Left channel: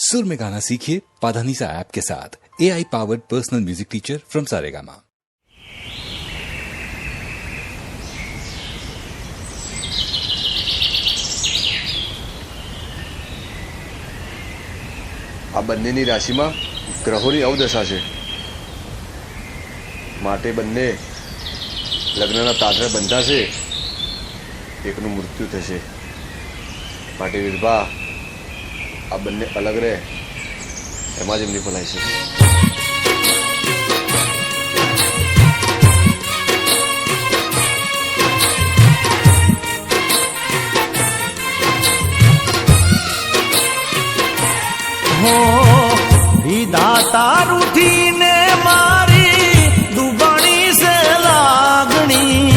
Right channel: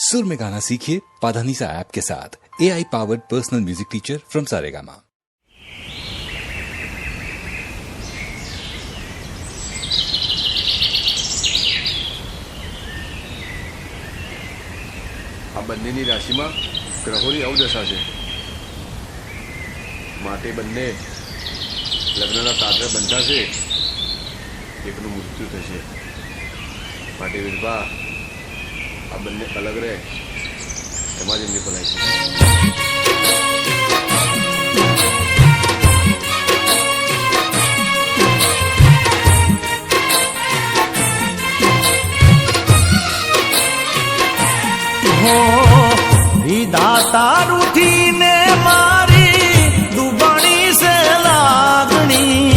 सुर में गाना सीखिए पाधानीसा ऐप के साथ। AI powered personal music teacher from Saregama. આ બંનેની રાશિમાં ગ્રહોની અવદશા છે, માટે બંને લગ્નના તાતરે બંધાશે, એકનું મૃત્યુ થશે. માટે વિરભા આ બંને અલગ રહે એમાં જ એમની ભલાઈ છે. હો વિધાતા રૂઠીને મારી દુબણી સે લાગણી,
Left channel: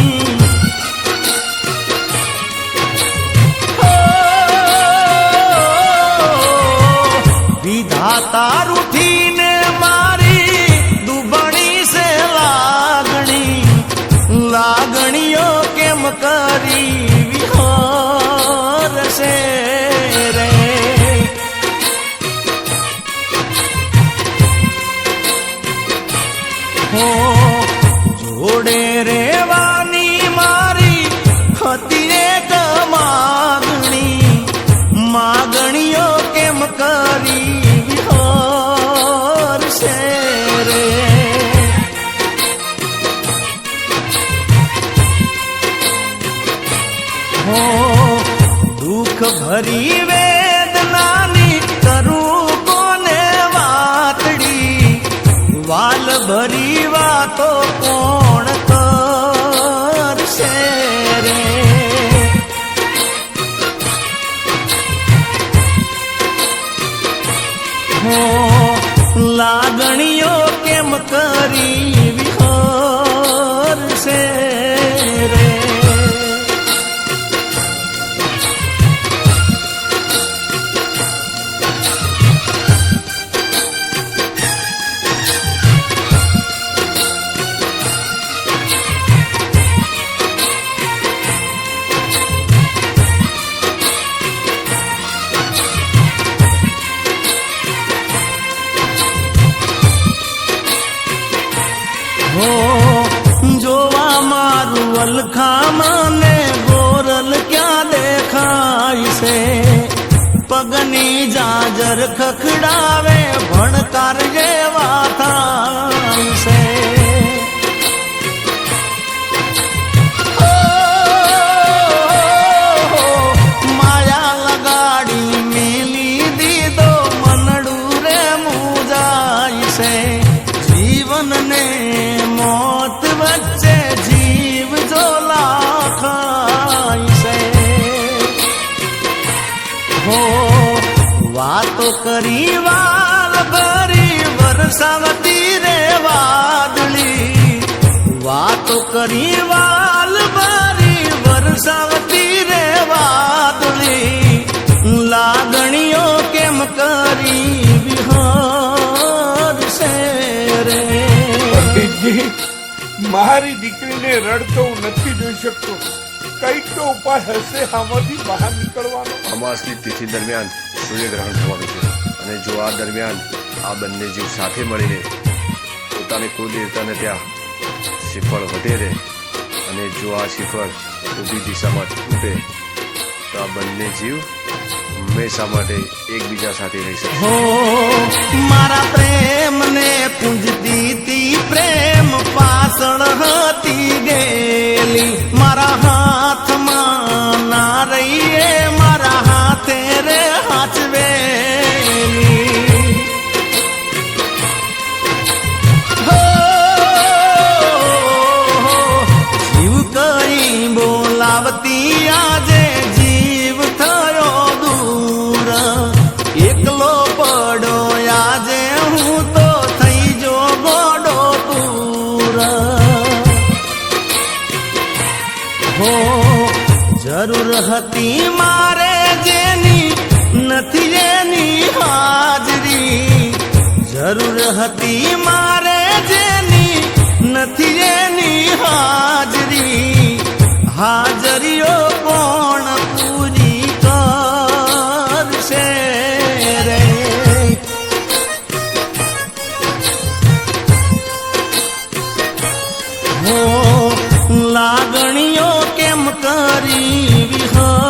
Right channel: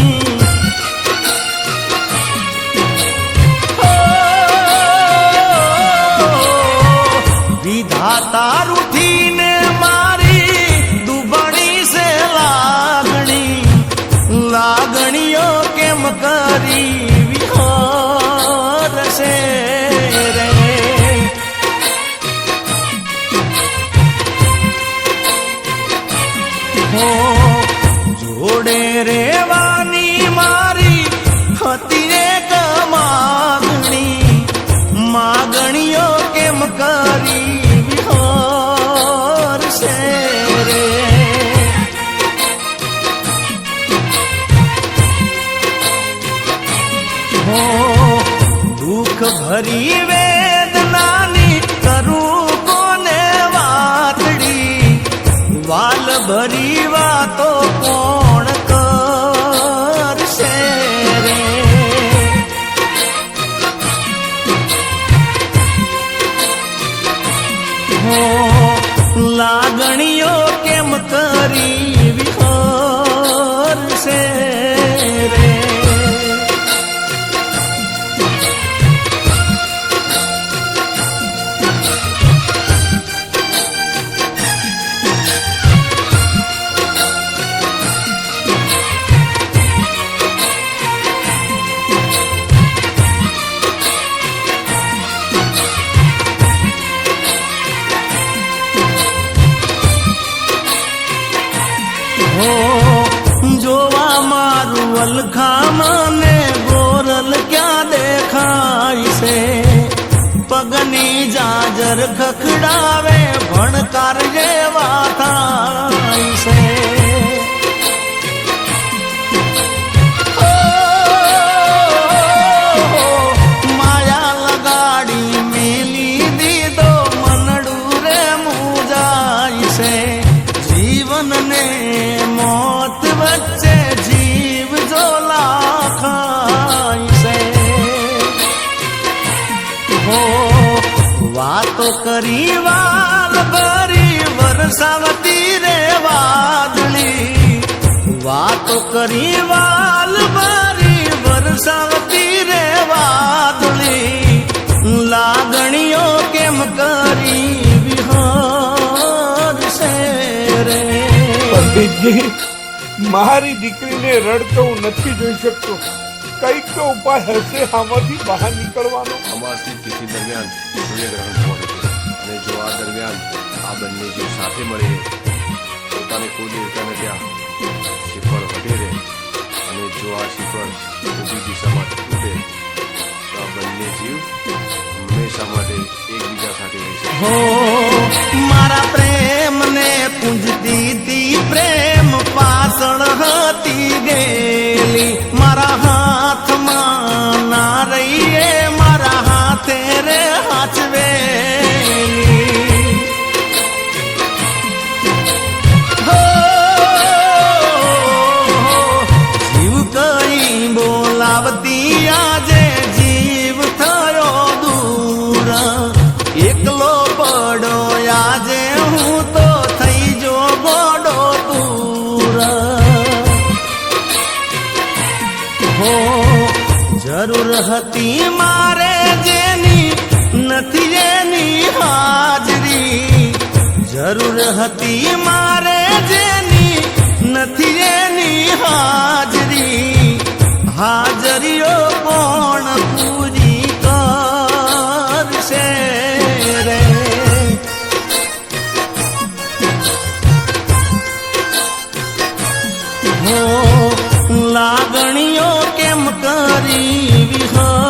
વિધાતા રૂઠીને મારી દુબણી સે લાગણી, લાગણીઓ કેમ કરી વિહરશે રે. જોડે રેવાની મારી હતી એક માગણી, માગણીઓ કેમ કરી વિહરશે રે. દુઃખ ભરી વેદનાની કરું કોને વાતડી, વાલ ભરી વાતો કોણ કરશે રે. લાગણીઓ કેમ કરી વિહરશે રે. જોવા મારું વલખામાં ને ગોરલ ક્યાં દેખાય છે, પગની જાજર ખખડાવે ભણકાર જેવા થાય છે. માયા લગાડી મેલી દીધો મનડું રે મુજાય છે. જીવનને મોત વચ્ચે જીવ જો લાખાય છે. હો વાતો કરી વાલ ભરી વરસાવતી રે વાદળી, વાતો કરી વાલ ભરી વરસાવતી રે વાદળી, લાગણીઓ કેમ કરી વિહરશે રે. પંડિતજી, મારી દીકરીને રડતો હું નથી જોઈ શકતો. કઈક તો ઉપાય હશે આમાંથી બહાર નીકળવાનો. અમાસની તિથિ દરમિયાન સૂર્યગ્રહણ થવાનું છે, અને જો આ દરમિયાન આ બંને જીવ સાથે મળીને પોતાને કુલદેવતાને ત્યાં શ્રીફળ વઢેરે, અને જો આ શ્રીફળ ઊભી દિશામાં તૂટે તો આ બંને જીવ હંમેશા માટે એકબીજા સાથે રહી શકે. હો મારા પ્રેમને પૂંજતી તી પ્રેમ પાછળ હતી ગેલી, મારા હાથમાં ના રહીએ મારા હાથે રે હાચવેલી. જીવ કઈ બોલાવતી આજે જીવ થયો દૂર, એકલો પડો આજે હું તો થઈ જો ગોડો દૂર. હો જરૂર હતી મારે જેની નથી એની હાજરી, જરૂર હતી મારે જેની નથી એની હાજરી, હાજરીઓ કોણ પૂરી કરશે રે. હો લાગણીઓ કેમ કરી વિહર